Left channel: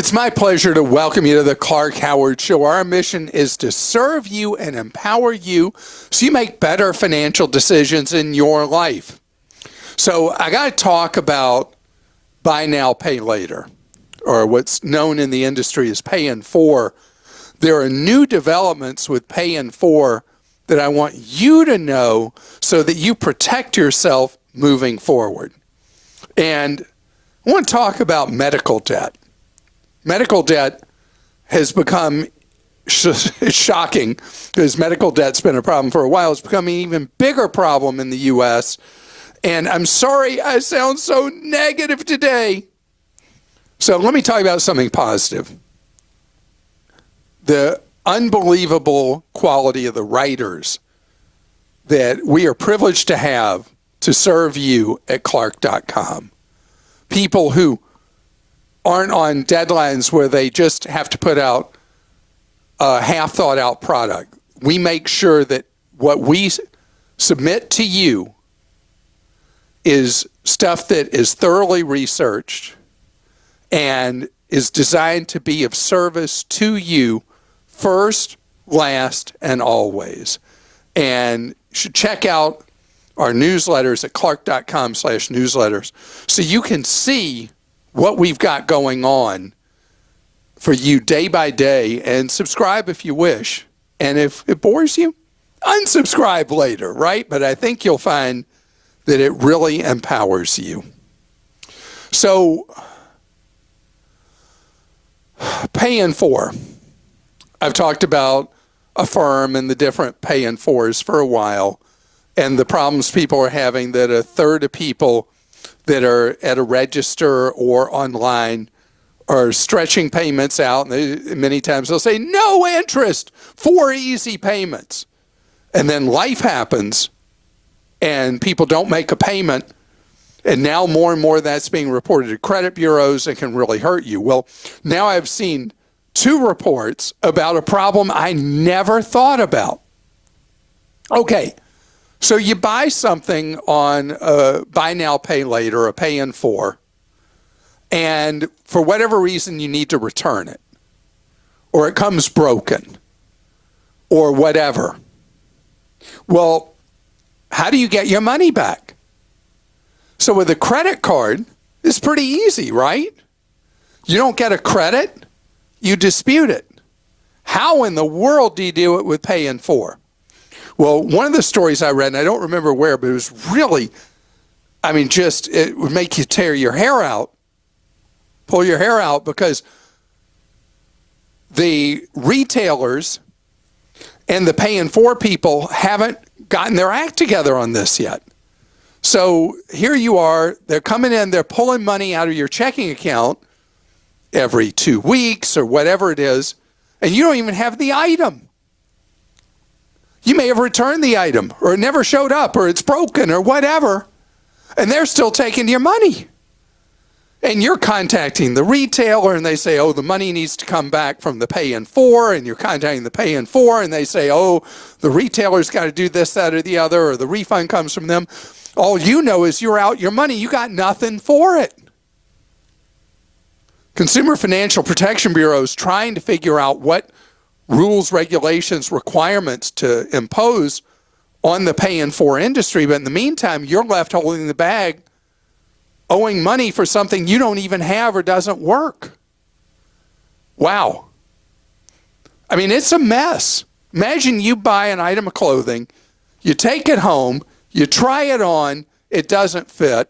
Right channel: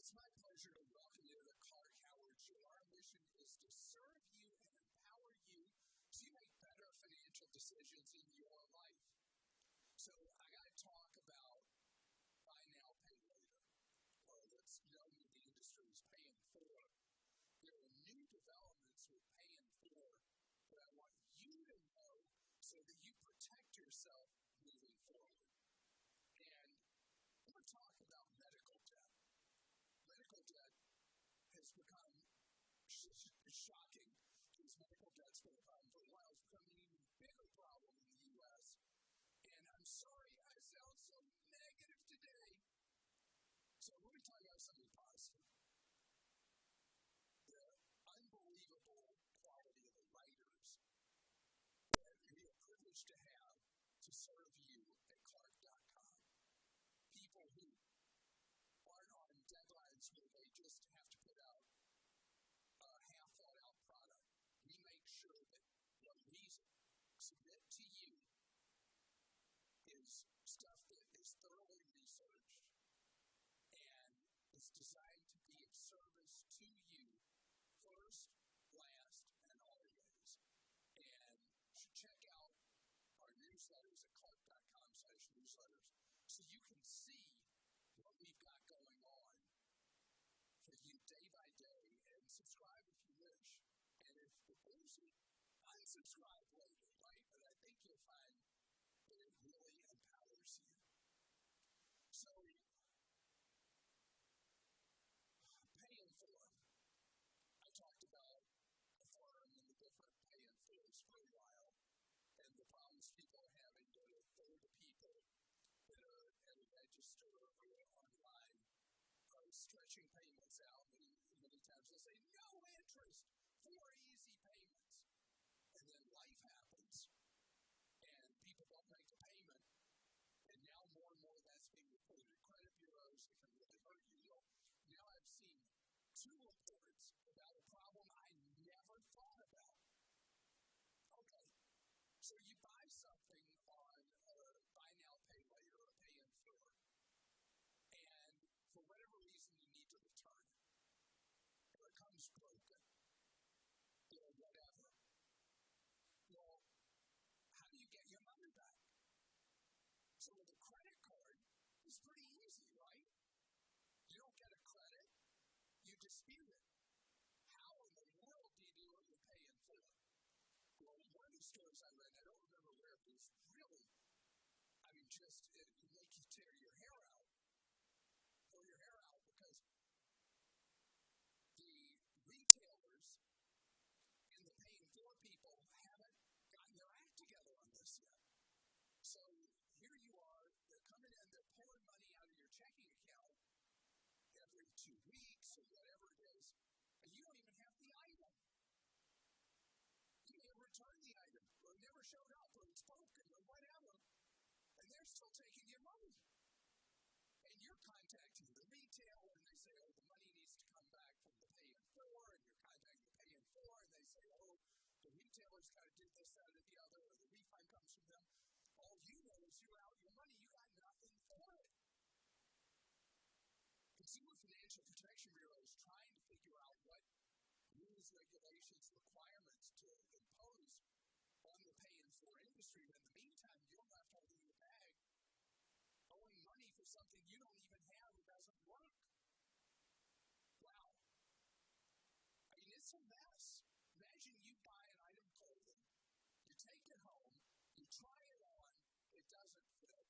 It's my pleasure to welcome you to the Clark Howard Show. Our mission is to serve you and empower you so you make better financial decisions in your life. So I got to talk about buy now, pay later, or what's known in the industry as pay in four. There are new developments with pay in four that I want you to know so that you protect yourself moving forward. And I want to talk about medical debt. Medical debt has become shocking because medical debt's been a problem for a while. It's become an even bigger problem in the U.S. And I'm sorry I sound so negative today. So let me talk about something positive. The unbelievable quality of the writers that we are privileged to have to serve you at Clark.com. People who aren't on deadlines where they just have to put out a half thought out product. We make sure that what we submit to you is stuff that is thoroughly researched and is designed to be of service to you first, last, and always. And you should check out our newsletters at clark.com/newsletters so you can see what we've got going on for you day by day, and subscribe if you wish. And if it bores you, unsubscribe later, right? But I think you'll find that it really empowers you. So, pay in four. I've talked about Affirm and the different pay in fours for a while, and the problems people are having, that a third of people that are at a register or online are stretching payments out. And many times they'll say, no interest, 4 easy payments. And then life happens and people don't make a payment. And now more and more of that's being reported to credit bureaus and can really hurt you. Well, now I've seen 2 reports about a problem I never thought about. Okay. So you buy something on buy now, pay later, a pay in four, and for whatever reason you need to return it, or it comes broken, or whatever. Well, how do you get your money back? So with a credit card, it's pretty easy, right? You don't get a credit, you dispute it. How in the world do you do it with pay in four? Well, one of the stories I read, and I don't remember where, but it was really, it would make you tear your hair out, pull your hair out, because the retailers and the pay in four people haven't gotten their act together on this yet. So here you are, they're coming in, they're pulling money out of your checking account every 2 weeks or whatever it is, and you don't even have the item. You may have returned the item, or it never showed up, or it's broken, or whatever, and they're still taking your money. And you're contacting the retailer, and they say, oh, the money needs to come back from the pay in four, and you're contacting the pay in four, and they say, oh, the retailer's got to do this, that, or the other, or the refund comes from them. All you know is you're out your money. You got nothing for it. Consumer Financial Protection Bureau is trying to figure out what rules, regulations, requirements to impose on the pay in four industry. But in the meantime, you're left holding the bag, owing money for something you don't even have or doesn't work. Wow. It's a mess. Imagine you buy an item of clothing, you take it home, you try it on, it doesn't fit.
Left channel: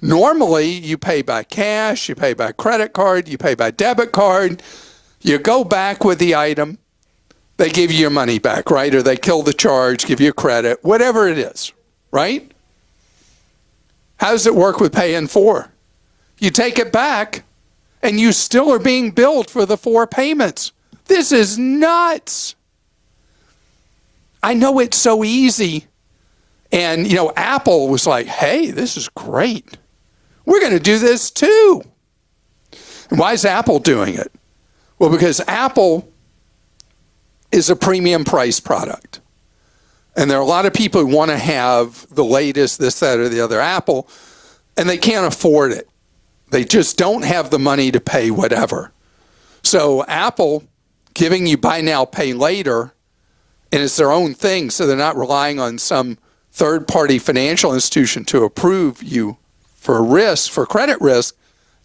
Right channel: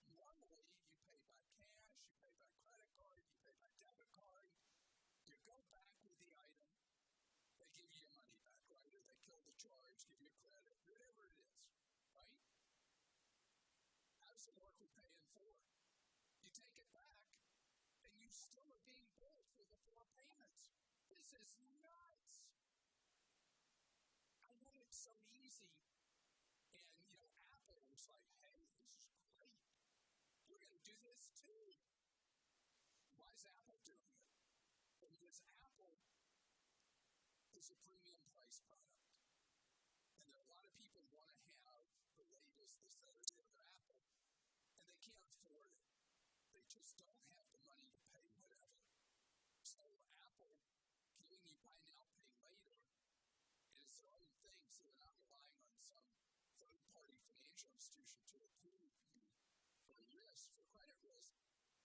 Normally, you pay by cash, you pay by credit card, you pay by debit card. You go back with the item, they give you your money back, right? Or they kill the charge, give you credit, whatever it is, right? How does it work with pay in four? You take it back, and you still are being billed for the 4 payments. This is nuts. I know it's so easy. And, Apple was like, hey, this is great. We're going to do this too. And why is Apple doing it? Well, because Apple is a premium price product. And there are a lot of people who want to have the latest, this, that, or the other Apple, and they can't afford it. They just don't have the money to pay whatever. So Apple giving you buy now, pay later, and it's their own thing, so they're not relying on some third-party financial institution to approve you for risk, for credit risk.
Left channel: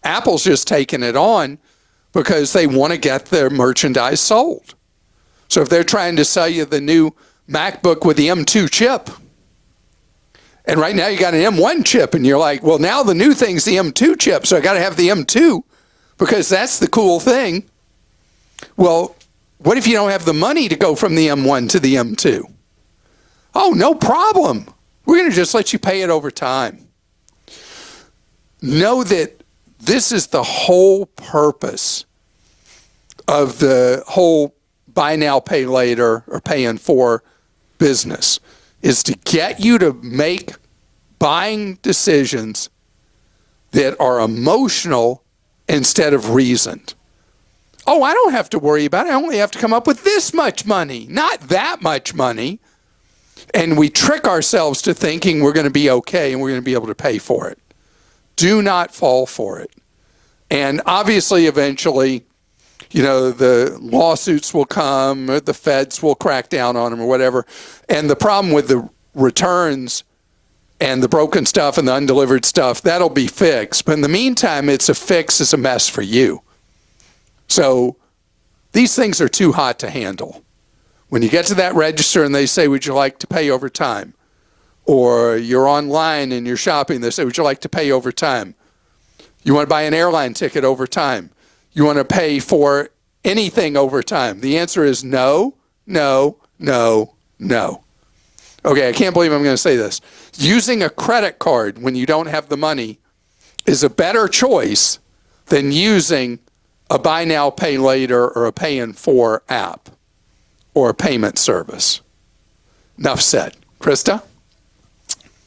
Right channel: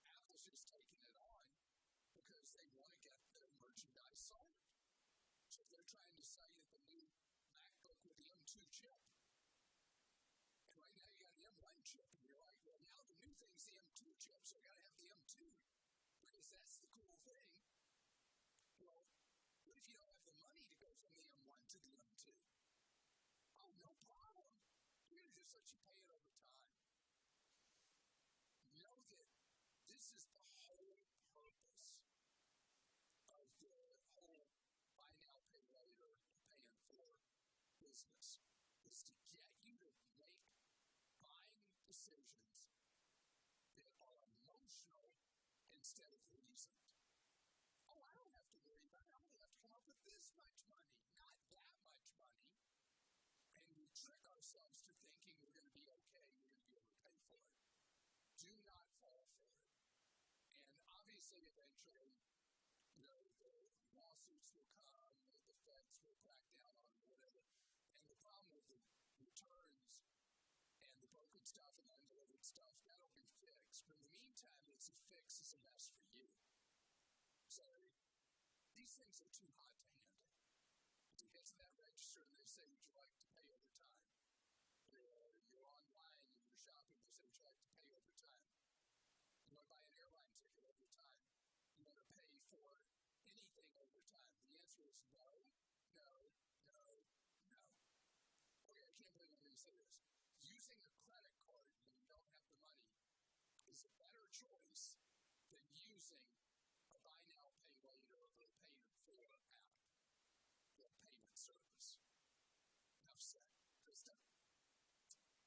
Apple's just taking it on because they want to get their merchandise sold. So if they're trying to sell you the new MacBook with the M2 chip, and right now you got an M1 chip, and you're like, well, now the new thing's the M2 chip, so I got to have the M2 because that's the cool thing. Well, what if you don't have the money to go from the M1 to the M2? Oh, no problem. We're going to just let you pay it over time. Know that this is the whole purpose of the whole buy now, pay later, or pay in four business, is to get you to make buying decisions that are emotional instead of reasoned. Oh, I don't have to worry about it. I only have to come up with this much money, not that much money. And we trick ourselves to thinking we're going to be okay and we're going to be able to pay for it. Do not fall for it. And obviously, eventually, the lawsuits will come, or the feds will crack down on them or whatever. And the problem with the returns and the broken stuff and the undelivered stuff, that'll be fixed. But in the meantime, it's a mess for you. So these things are too hot to handle. When you get to that register and they say, would you like to pay over time? Or you're online and you're shopping, they say, would you like to pay over time? You want to buy an airline ticket over time? You want to pay for anything over time? The answer is no, no, no, no. Okay, I can't believe I'm going to say this. Using a credit card when you don't have the money is a better choice than using a buy now, pay later, or a pay in four app or a payment service. Enough said. Christa?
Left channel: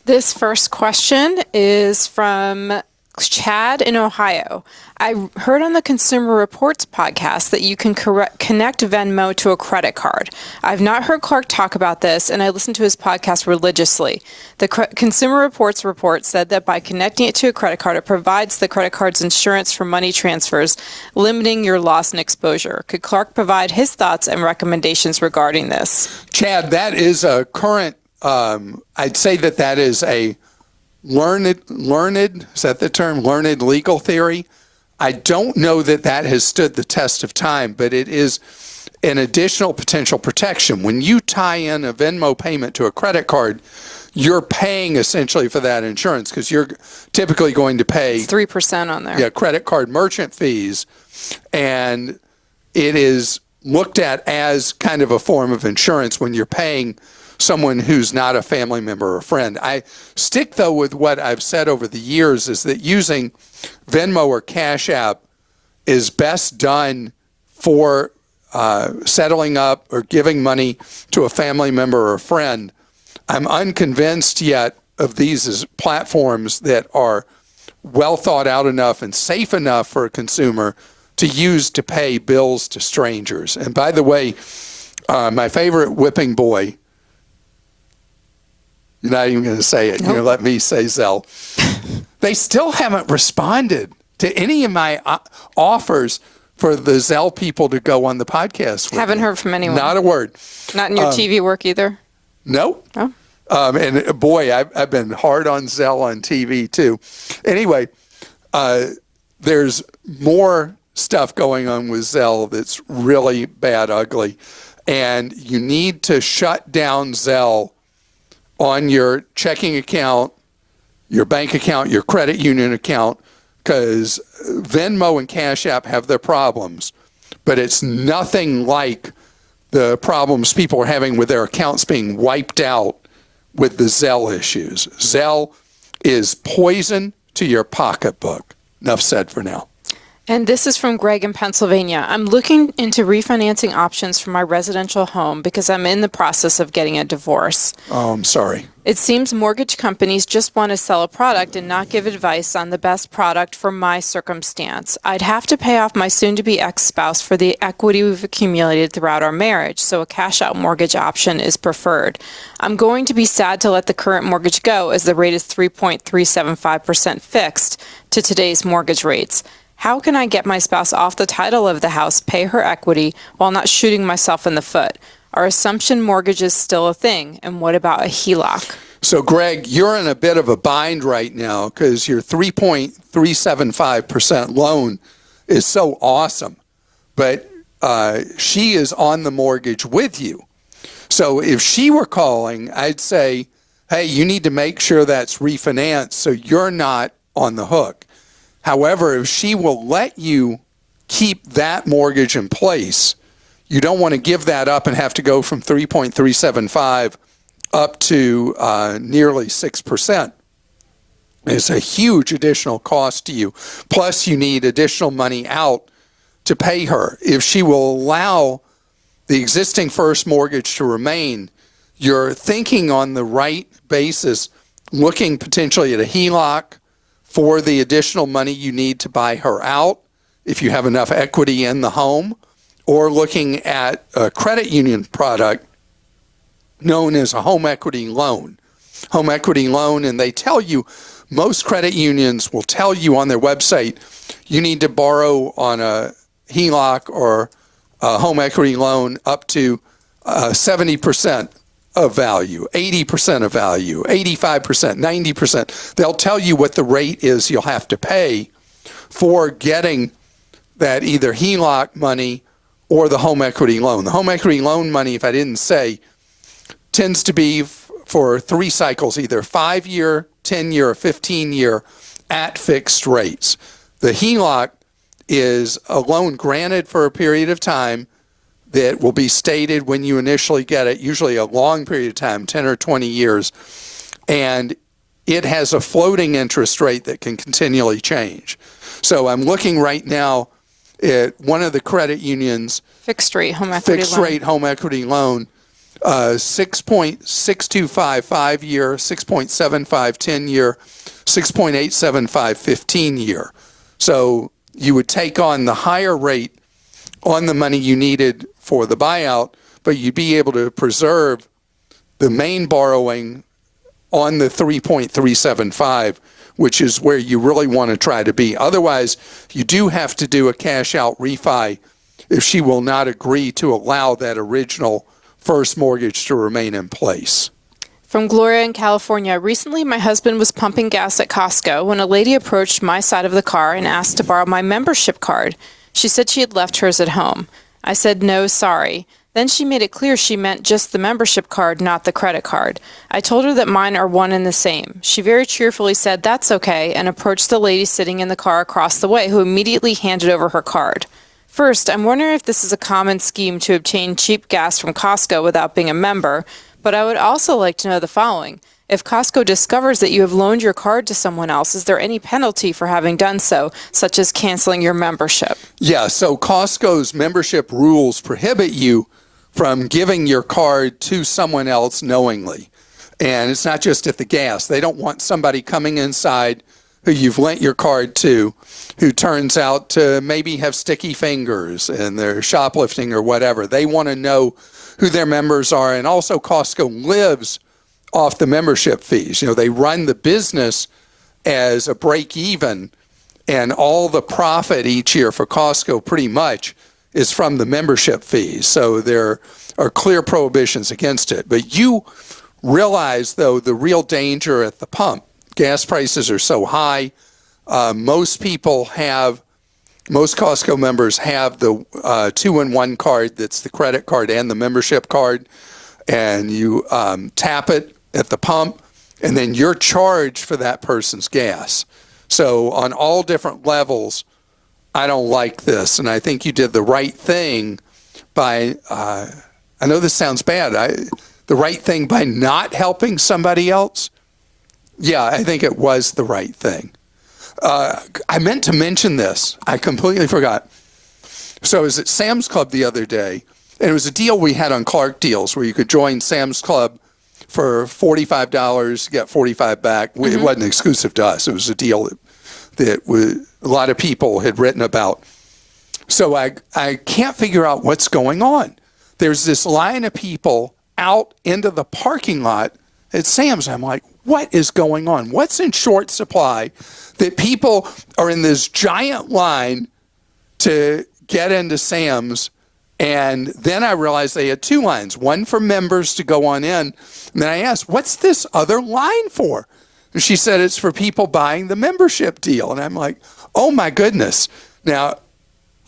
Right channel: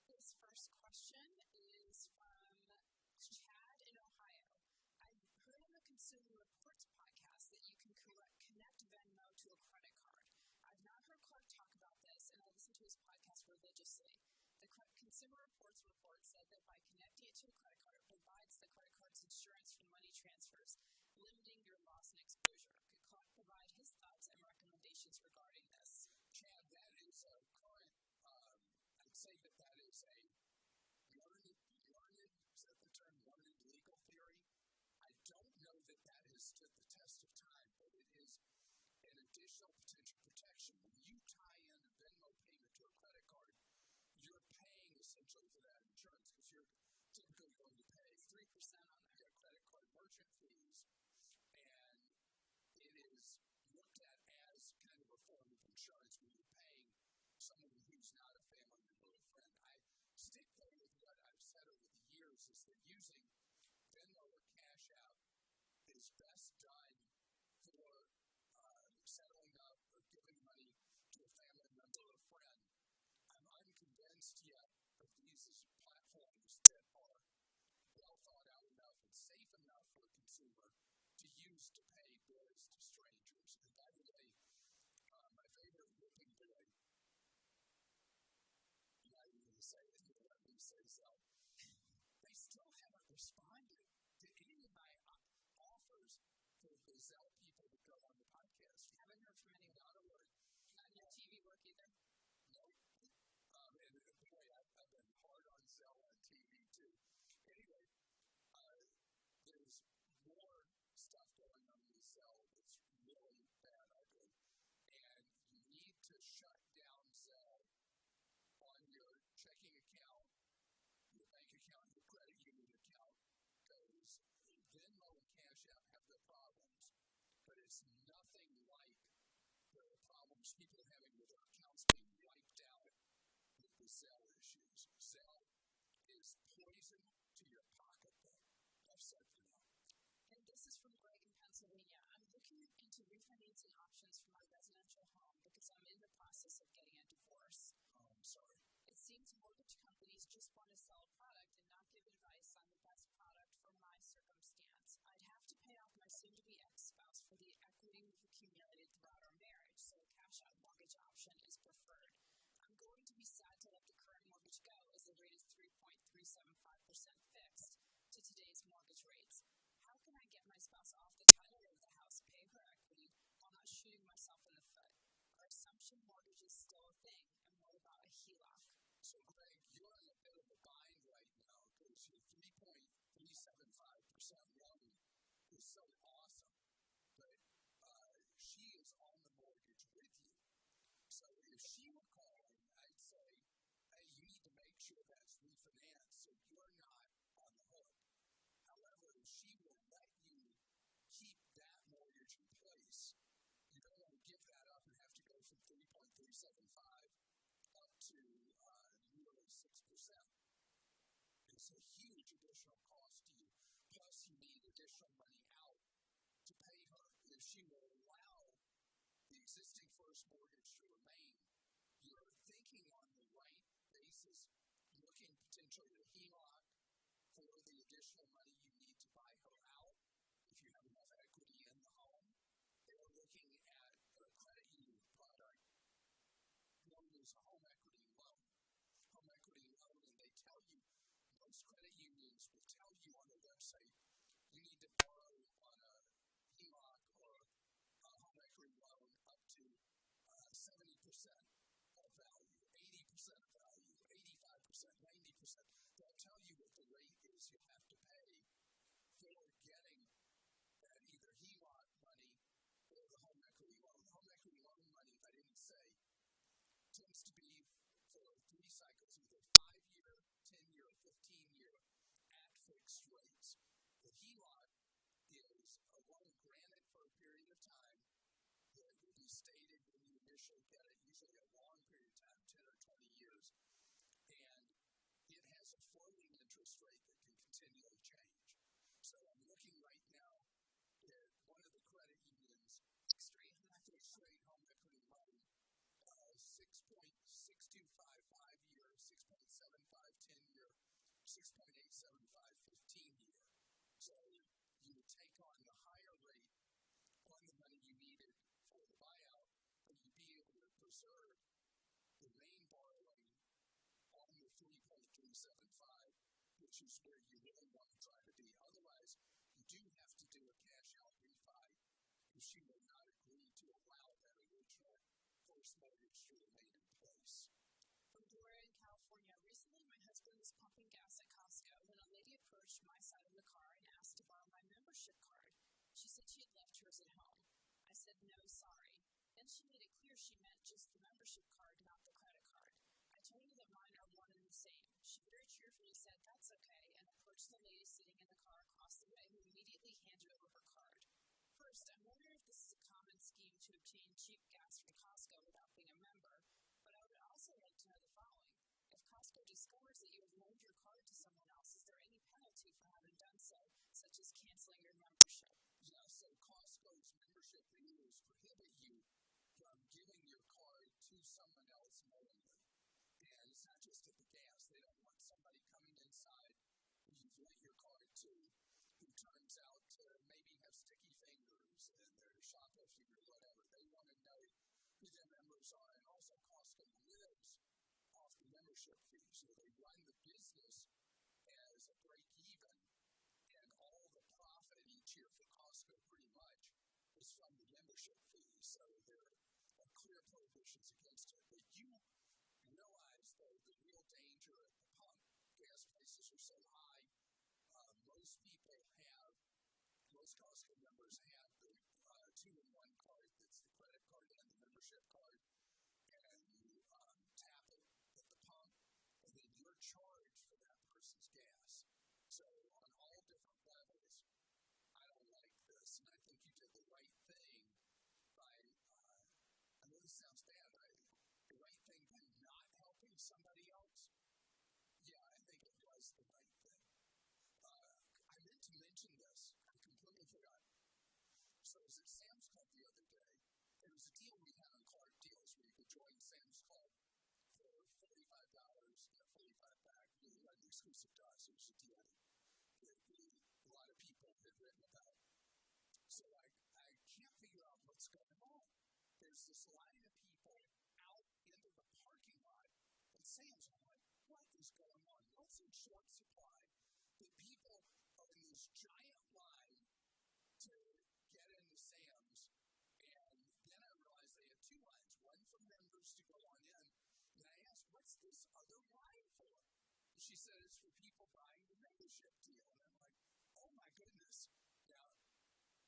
This first question is from Chad in Ohio. I heard on the Consumer Reports podcast that you can connect Venmo to a credit card. I've not heard Clark talk about this, and I listen to his podcast religiously. The Consumer Reports report said that by connecting it to a credit card, it provides the credit card's insurance for money transfers, limiting your loss and exposure. Could Clark provide his thoughts and recommendations regarding this? Chad, that is a current, I'd say that is a learned, is that the term? Learned legal theory. I don't know that has stood the test of time, but it is an additional potential protection. When you tie in a Venmo payment to a credit card, you're paying essentially for that insurance because you're typically going to pay 3% on there. Yeah, credit card merchant fees, and it is looked at as kind of a form of insurance when you're paying someone who's not a family member or friend. I stick, though, with what I've said over the years is that using Venmo or Cash App is best done for settling up or giving money to a family member or a friend. I'm unconvinced yet of these as platforms that are well thought out enough and safe enough for a consumer to use to pay bills to strangers. And by the way, my favorite whipping boy, you're not even going to say it. Nope. You're going to let me say Zelle. They still haven't responded to any of my offers for the Zelle people to go on the podcast with Haven't me. Heard from anyone. Not a word. Not in your TV work either? Nope. Oh. And boy, I've been hard on Zelle on TV too. Anyway, there's more stuff going on with Zelle that's really bad, ugly. And you need to shut down Zelle on your checking account, your bank account, your credit union account, because Venmo and Cash App have their problems, but it's nothing like the problems people are having with their accounts being wiped out with the Zelle issues. Zelle is poison to your pocketbook. Enough said for now. And this is from Greg in Pennsylvania. I'm looking into refinancing options for my residential home because I'm in the process of getting a divorce. Oh, I'm sorry. It seems mortgage companies just want to sell a product and not give advice on the best product for my circumstance. I'd have to pay off my soon-to-be ex-spouse for the equity we've accumulated throughout our marriage, so a cash-out mortgage option is preferred. I'm going to be sad to let the current mortgage go as the rate is 3.375% fixed to today's mortgage rates. How can I get my spouse off the title of the house, pay her equity, while not shooting myself in the foot? Are assumption mortgages still a thing? And what about a HELOC? So, Greg, you're in a bit of a bind right now because your 3.375% loan is so awesome. But she is on the mortgage with you. So if she were calling, I'd say, hey, you need to make sure that's refinanced so you're not on the hook. However, if she will let you keep that mortgage in place, you don't want to give that up and have to go from 3.375 up to nearly 6%. It's a huge additional cost to you. Plus, you need additional money out to pay her. If she will allow the existing first mortgage to remain, you're thinking on the right basis, looking potentially at a HELOC for the additional money you need to buy her out if you have enough equity in the home, or looking at a credit union product known as a home equity loan. Home equity loan, and they tell you, most credit unions will tell you on their website, you need to borrow on a HELOC or a home equity loan up to 70% of value, 80% of value, 85%, 90%. They'll tell you what the rate is you'll have to pay for getting that either HELOC money or the home equity loan. The home equity loan money, if I didn't say, tends to be for 3 cycles, either 5-year, 10-year, or 15-year at fixed rates. The HELOC is a loan granted for a period of time that will be stated when you initially get it, usually a long period of time, 10 or 20 years, and it has a floating interest rate that can continually change. So I'm looking right now at one of the credit unions, Fixed rate home equity fixed loan. rate home equity loan, 6.625 5-year, 6.75 10-year, 6.875 15-year. So you would take on the higher rate on the money you needed for the buyout, but you'd be able to preserve the main borrowing on the 3.375, which is where you really want to try to be. Otherwise, you do have to do a cash out refi if she will not agree to allow that original first mortgage to remain in place. From Gloria in California, recently my husband was pumping gas at Costco when a lady approached my side of the car and asked to borrow my membership card. She said she had left hers at home. I said, no, sorry. Then she made it clear she meant just the membership card, not the credit card. I told her that mine are one and the same. She very cheerfully said that's okay and approached the lady sitting in the car across the way, who immediately handed over her card. First, I'm wondering if this is a common scheme to obtain cheap gas from Costco without being a member, but I would also like to know the following. If Costco discovers that you have loaned your card to someone else, is there any penalty for having done so, such as canceling your membership? Yeah, so Costco's membership rules prohibit you from giving your card to someone else knowingly. And it's not just at the gas. They don't want somebody coming inside who you've lent your card to, who turns out to maybe have sticky fingers and they're shoplifting or whatever. They want to know who their members are. And also Costco lives off the membership fees. You know, they run the business as a break even, and all the profit each year for Costco pretty much is from the membership fees. So there are clear prohibitions against it. But you realize, though, the real danger at the pump. Gas prices are so high. Most Costco members have the 2-in-1 card that's the credit card and the membership card. And you tap it at the pump, and then you're charged for that person's gas. So on all different levels, I don't like this. And I think you did the right thing by, I know this sounds bad, the right thing by not helping somebody else. Yeah, I think it was the right thing. I meant to mention this. I completely forgot. So I was at Sam's Club the other day, and it was a deal we had on Clark Deals where you could join Sam's Club for $45, get $45 back. Mm-hmm. It wasn't exclusive to us. It was a deal that a lot of people had written about. So I can't figure out what's going on. There's this line of people out into the parking lot at Sam's. I'm like, what is going on? What's in short supply that people are in this giant line to get into Sam's? And then I realized they had two lines, one for members to go on in. And then I asked, what's this other line for? And she said, it's for people buying the membership deal. And I'm like, oh my goodness. Now,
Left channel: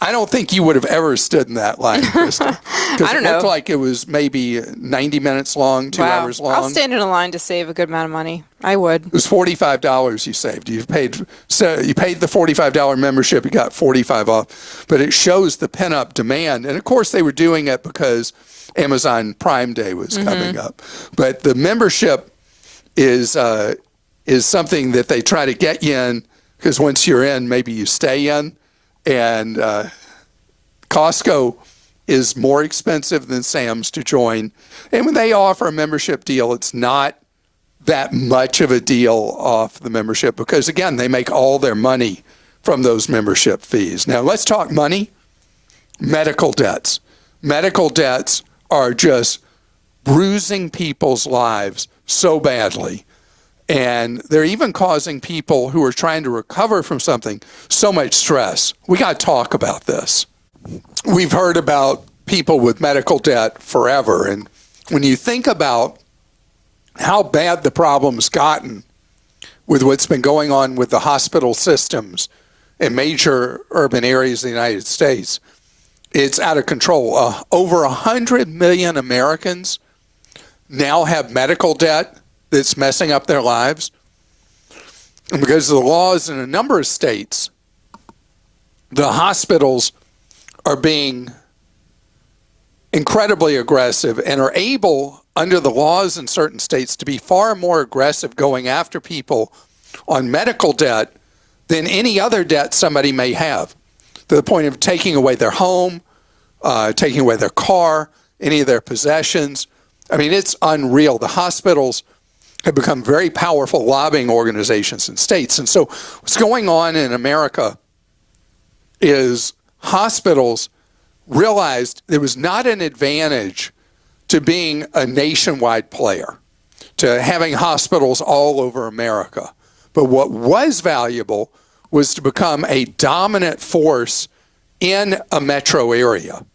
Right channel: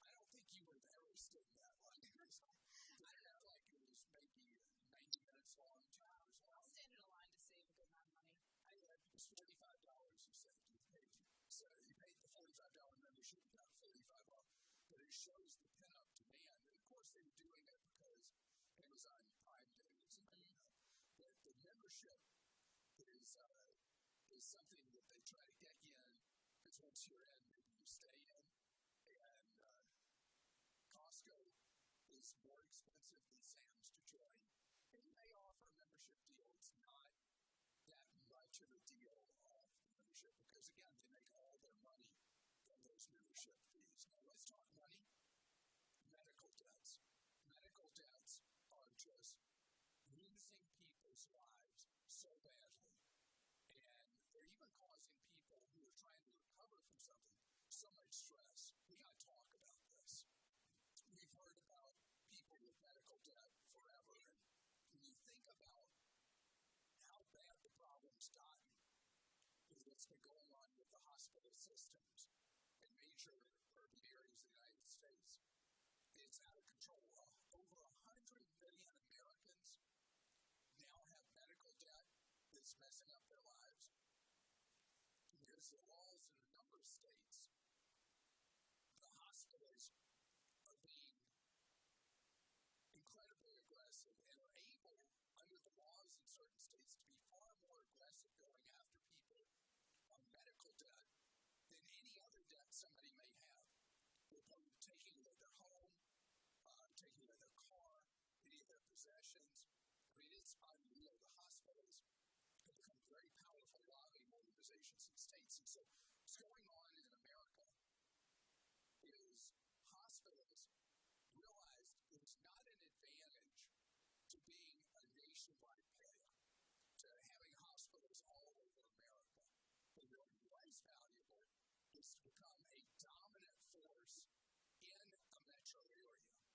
I don't think you would have ever stood in that line, Christa. Because it looked like it was maybe 90 minutes long, 2 hours long. I'll stand in a line to save a good amount of money. I would. It was $45 you saved. You paid the $45 membership, you got $45 off. But it shows the pent-up demand. And, of course, they were doing it because Amazon Prime Day was coming up. But the membership is something that they try to get you in, because once you're in, maybe you stay in. And Costco is more expensive than Sam's to join. And when they offer a membership deal, it's not that much of a deal off the membership because, again, they make all their money from those membership fees. Now, let's talk money. Medical debts. Medical debts are just bruising people's lives so badly. And they're even causing people who are trying to recover from something so much stress. We got to talk about this. We've heard about people with medical debt forever. And when you think about how bad the problem's gotten with what's been going on with the hospital systems in major urban areas of the United States, it's out of control. Over 100 million Americans now have medical debt that's messing up their lives. And because of the laws in a number of states, the hospitals are being incredibly aggressive and are able, under the laws in certain states, to be far more aggressive going after people on medical debt than any other debt somebody may have, to the point of taking away their home, taking away their car, any of their possessions. I mean, it's unreal. The hospitals have become very powerful lobbying organizations in states. And so what's going on in America is hospitals realized there was not an advantage to being a nationwide player, to having hospitals all over America. But what was valuable was to become a dominant force in a metro area.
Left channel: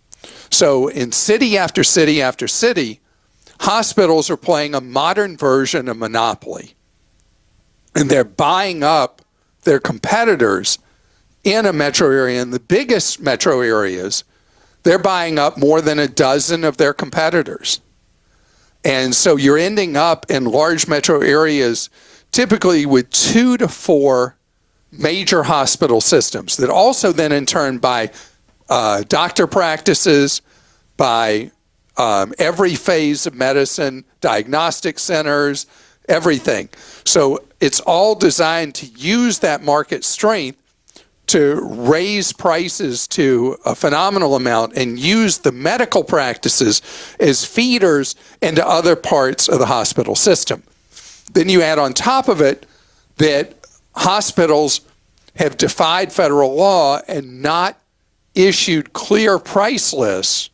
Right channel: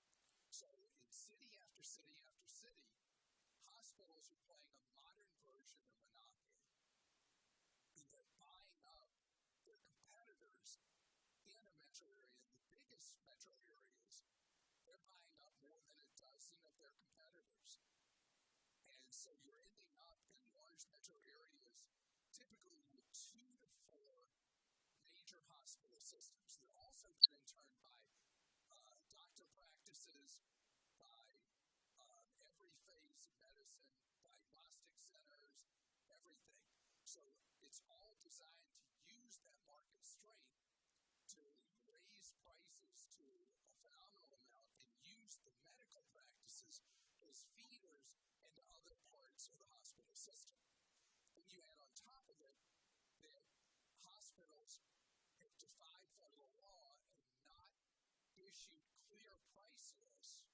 So in city after city after city, hospitals are playing a modern version of Monopoly. And they're buying up their competitors in a metro area. In the biggest metro areas, they're buying up more than a dozen of their competitors. And so you're ending up in large metro areas typically with 2 to 4 major hospital systems that also then in turn buy doctor practices, by every phase of medicine, diagnostic centers, everything. So it's all designed to use that market strength to raise prices to a phenomenal amount and use the medical practices as feeders into other parts of the hospital system. Then you add on top of it that hospitals have defied federal law and not issued clear price lists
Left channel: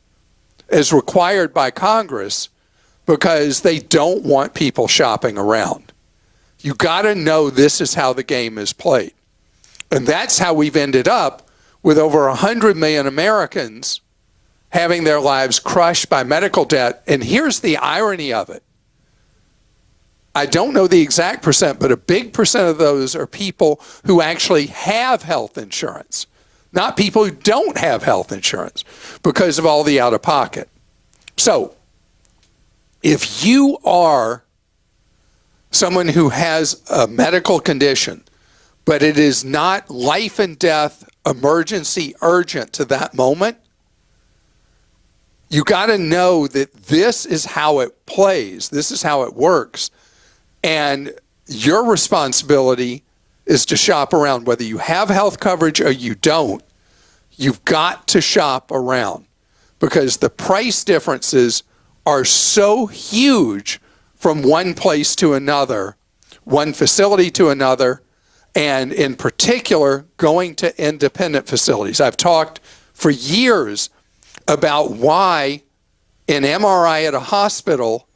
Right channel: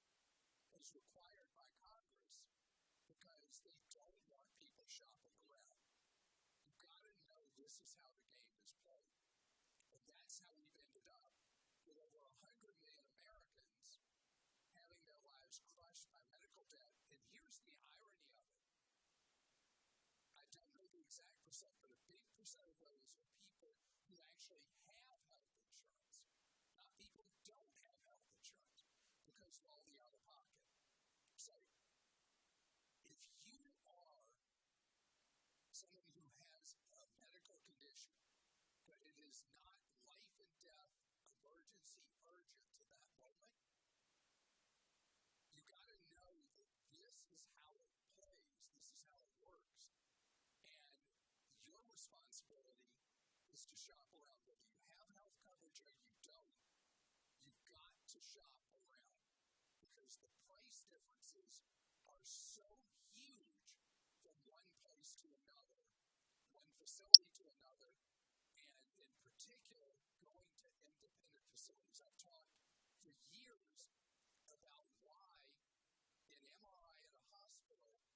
as required by Congress because they don't want people shopping around. You got to know this is how the game is played. And that's how we've ended up with over 100 million Americans having their lives crushed by medical debt. And here's the irony of it. I don't know the exact percent, but a big percent of those are people who actually have health insurance, not people who don't have health insurance because of all the out-of-pocket. So if you are someone who has a medical condition, but it is not life and death, emergency, urgent to that moment, you got to know that this is how it plays. This is how it works. And your responsibility is to shop around. Whether you have health coverage or you don't, you've got to shop around because the price differences are so huge from one place to another, one facility to another, and in particular, going to independent facilities. I've talked for years about why an MRI at a hospital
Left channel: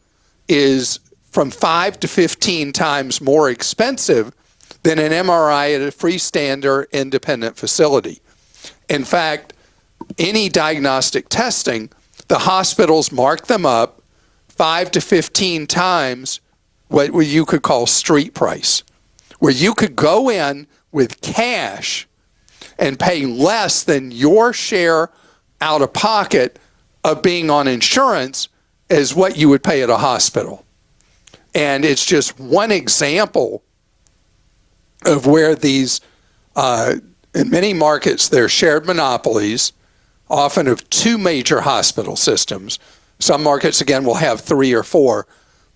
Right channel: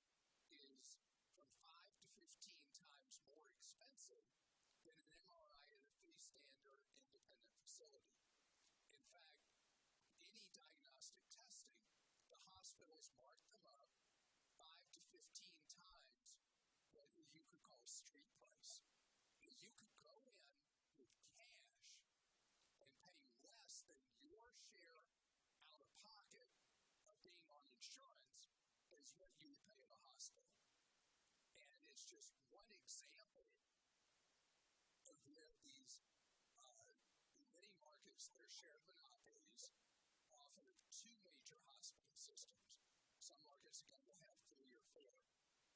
is from 5 to 15 times more expensive than an MRI at a freestanding independent facility. In fact, any diagnostic testing, the hospitals mark them up 5 to 15 times what you could call street price, where you could go in with cash and pay less than your share out of pocket of being on insurance as what you would pay at a hospital. And it's just one example of where these, in many markets, they're shared monopolies, often of two major hospital systems. Some markets, again, will have 3 or 4.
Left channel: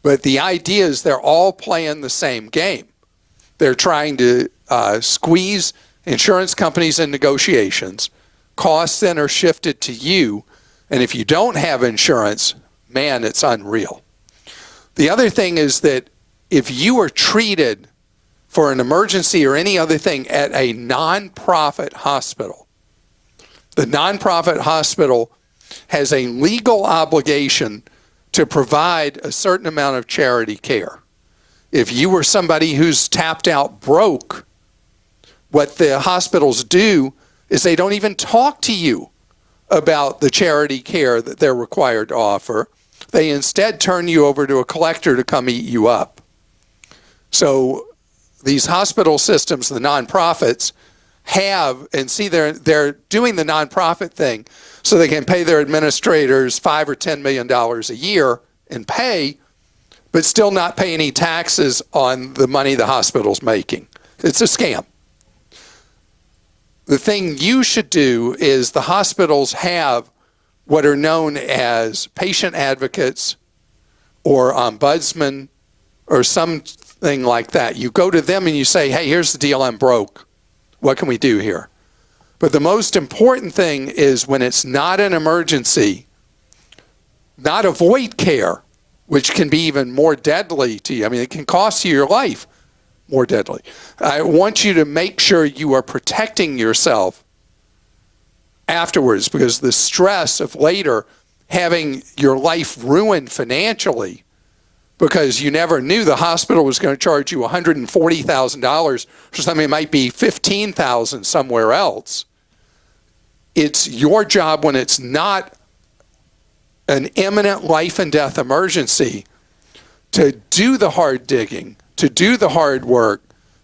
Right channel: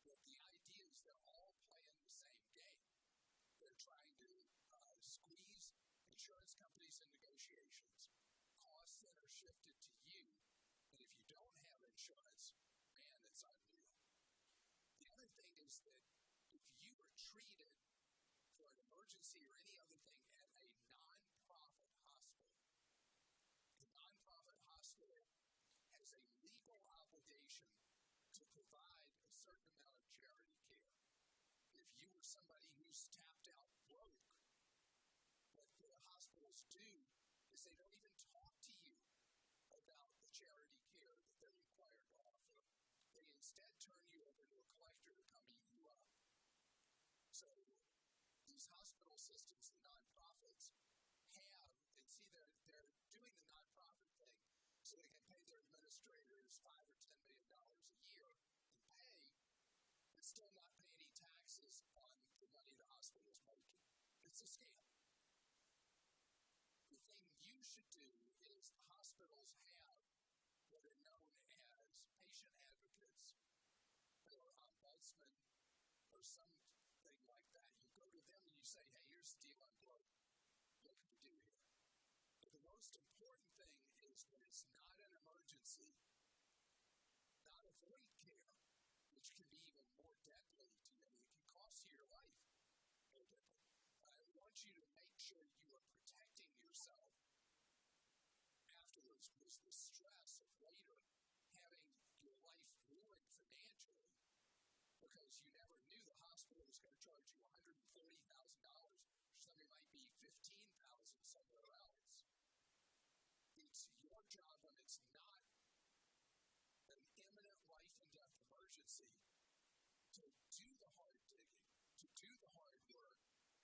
But the idea is they're all playing the same game. They're trying to squeeze insurance companies in negotiations. Costs then are shifted to you. And if you don't have insurance, man, it's unreal. The other thing is that if you are treated for an emergency or any other thing at a nonprofit hospital, the nonprofit hospital has a legal obligation to provide a certain amount of charity care. If you were somebody who's tapped out broke, what the hospitals do is they don't even talk to you about the charity care that they're required to offer. They instead turn you over to a collector to come eat you up. So these hospital systems, the nonprofits, have, and see, they're doing the nonprofit thing so they can pay their administrators $5 or $10 million a year in pay, but still not pay any taxes on the money the hospital's making. It's a scam. The thing you should do is the hospitals have what are known as patient advocates or ombudsman or something like that. You go to them and you say, hey, here's the deal, I'm broke. What can we do here? But the most important thing is when it's not an emergency, not avoid care, which can be even more deadly to you. I mean, it can cost you your life, more deadly. I want you to make sure you are protecting yourself afterwards, because the stress of later having your life ruined financially because you never knew the hospital was going to charge you $140,000 for something that might be $15,000 somewhere else. It's your job when it's not an imminent life and death emergency to do the hard digging, to do the hard work,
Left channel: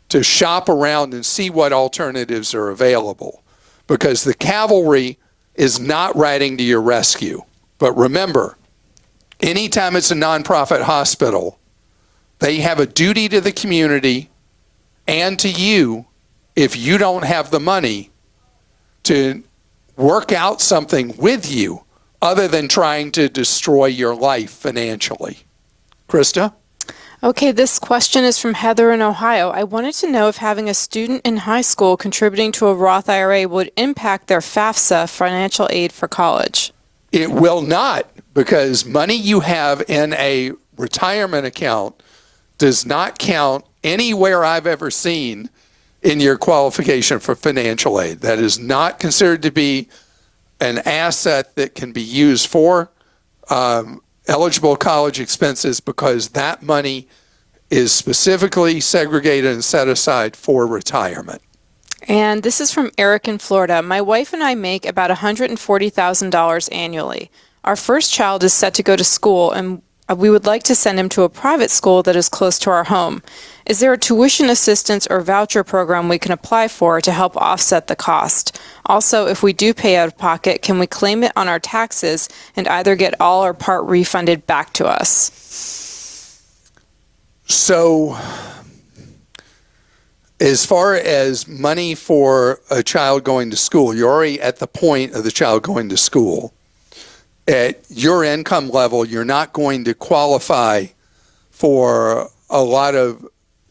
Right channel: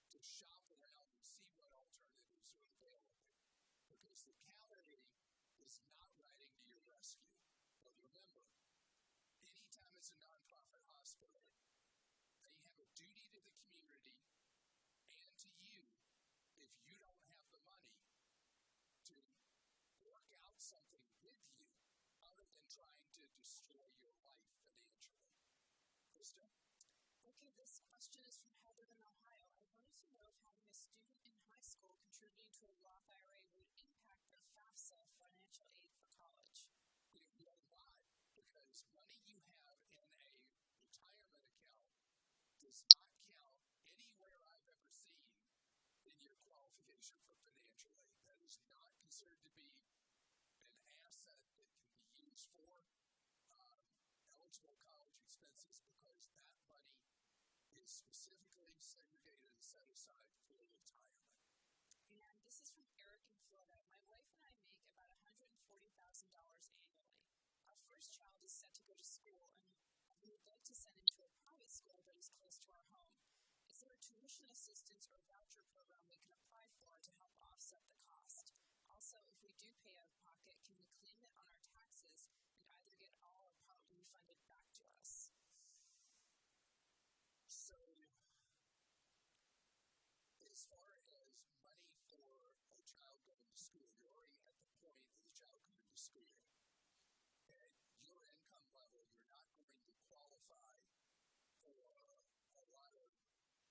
to shop around and see what alternatives are available. Because the cavalry is not riding to your rescue. But remember, anytime it's a nonprofit hospital, they have a duty to the community and to you, if you don't have the money, to work out something with you other than trying to destroy your life financially. Christa? Okay, this question is from Heather in Ohio. I wanted to know if having a student in high school contributing to a Roth IRA would impact their FAFSA financial aid for college. It will not, because money you have in a retirement account does not count anywhere I've ever seen in your qualification for financial aid. That is not considered to be an asset that can be used for eligible college expenses, because that money is specifically segregated and set aside for retirement. And this is from Eric in Florida. My wife and I make about $140,000 annually. Our first child is set to go to school, and we would like to send him to a private school that is close to our home. Is there a tuition assistance or voucher program we can apply for to help offset the cost? Also, if we do pay out of pocket, can we claim it on our taxes and either get all or part refunded back to us? So, as far as money for a child going to school, you're already at the point of the child going to school. At your income level, you're not going to qualify for a lot of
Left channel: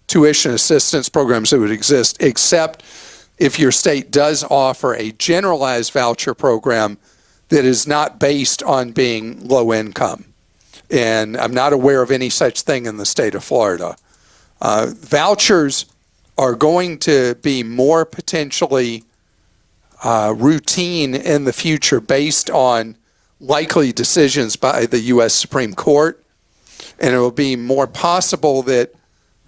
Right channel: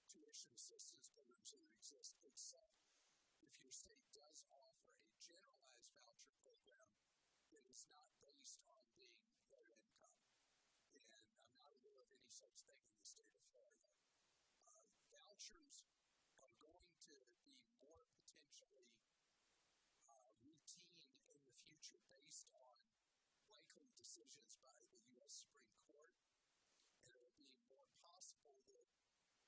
tuition assistance programs that would exist, except if your state does offer a generalized voucher program that is not based on being low income. And I'm not aware of any such thing in the state of Florida. Vouchers are going to be more potentially routine in the future based on likely decisions by the U.S. Supreme Court. and it will be more possible that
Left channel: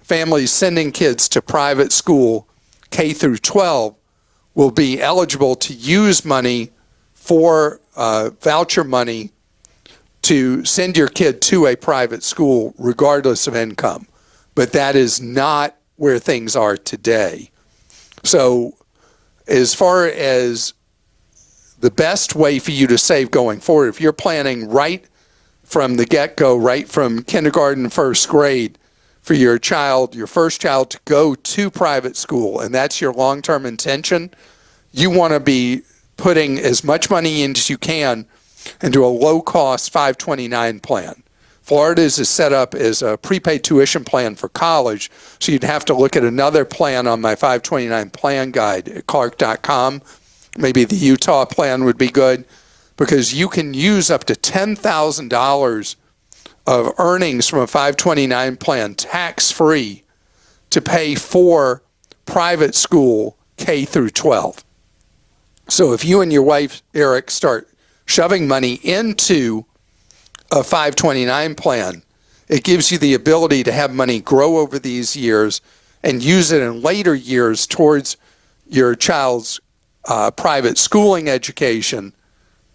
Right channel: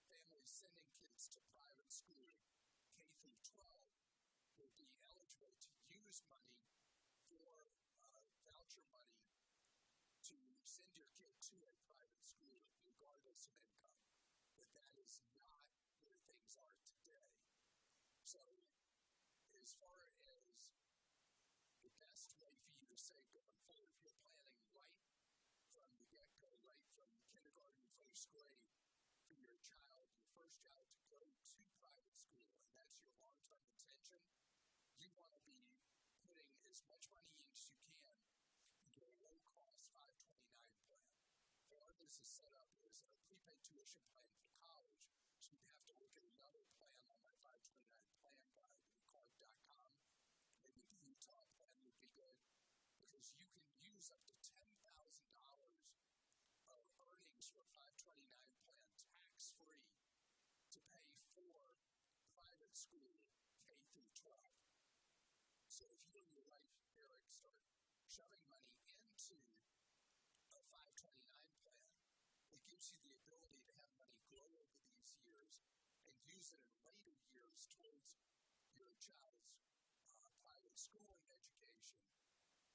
families sending kids to private school K through 12 will be eligible to use money for voucher money to send your kid to a private school regardless of income. But that is not where things are today. So as far as the best way for you to save going forward, if you're planning right from the get-go, right from kindergarten, first grade, for your child, your first child, to go to private school, and that's your long-term intention, you want to be putting as much money in as you can into a low-cost 529 plan. Florida's is set up as a prepaid tuition plan for college, so you'd have to look at another plan on my 529 plan guide at clark.com. Maybe the Utah plan would be good, because you can use up to $10,000 of earnings from a 529 plan tax-free to pay for private school K through 12. So if you and your wife, Eric, start shoving money into a 529 plan, it gives you the ability to have money grow over these years and use it in later years towards your child's private schooling education,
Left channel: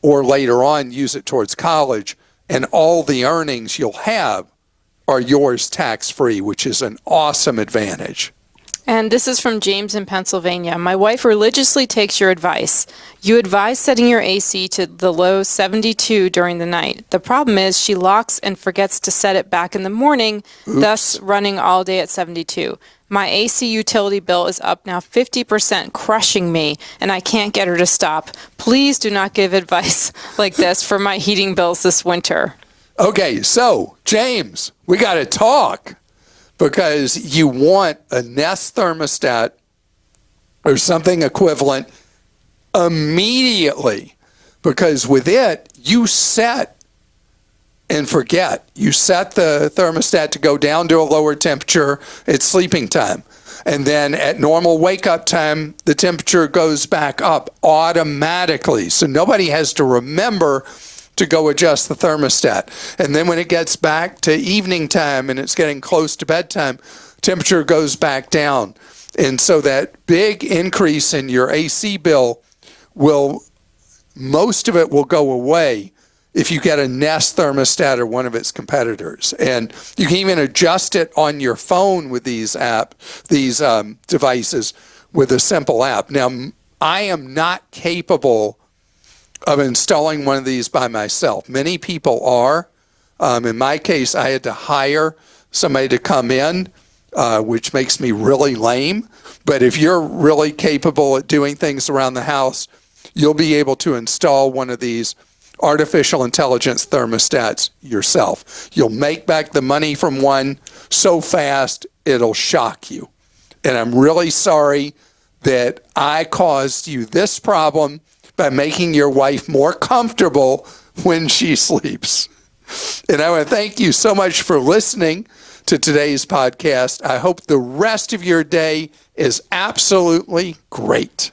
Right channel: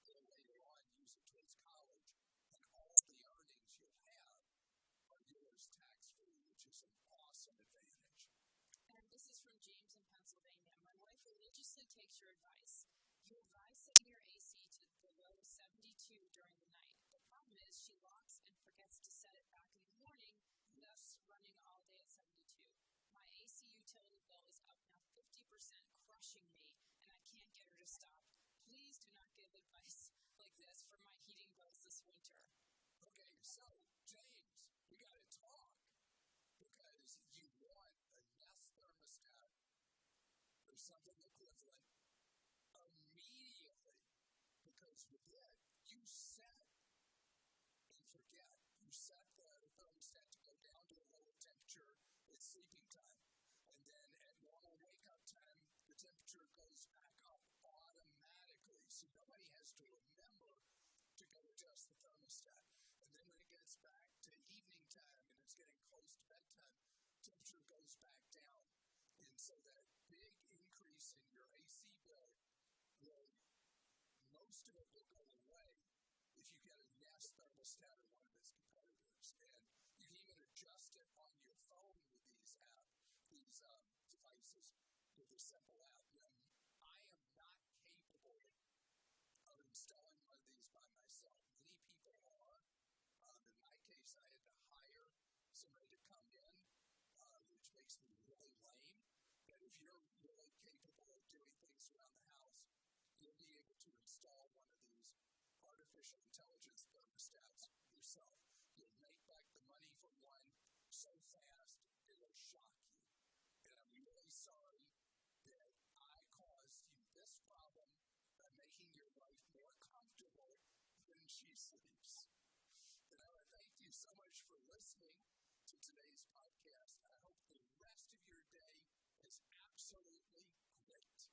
or later on use it towards college, and all the earnings you'll have are yours tax-free, which is an awesome advantage. And this is from James in Pennsylvania. My wife religiously takes your advice. You advise setting your AC to the low 72 during the night. The problem is she locks and forgets to set it back in the morning, thus running all day at 72. My AC utility bill is up now 50%, crushing me, and I can't get her to stop. Please do not give advice like this for my heating bills this winter. Okay, so, James, we got to talk, because you want a Nest thermostat or something equivalent immediately, because with it, you set and forget. You set the thermostat to go down to a lower temperature at sleeping time. And then at normal wake-up time, the temperature goes back up automatically. So nobody has to remember to go adjust the thermostat. And then when it gets back to evening time and it's getting close to bedtime, temperature goes back down. And so that big increase in your AC bill most of it will go away if you get a Nest thermostat or one of its competitors. And you can even adjust it on your phone with these devices with a simple app. Now, I am not capable of installing one of these by myself. Many people are. In my case, I had to hire somebody to come in, which makes me really lame. But if you're really capable at doing things around the house, you'll be able to install one of these artificial intelligence thermostats yourself. You'll make back the money from one so fast, it'll shock you. And I'm really sorry that I caused you this problem by making your wife more comfortable when she sleeps. And I want to thank you so much for listening to today's podcast. I hope the rest of your day is absolutely great.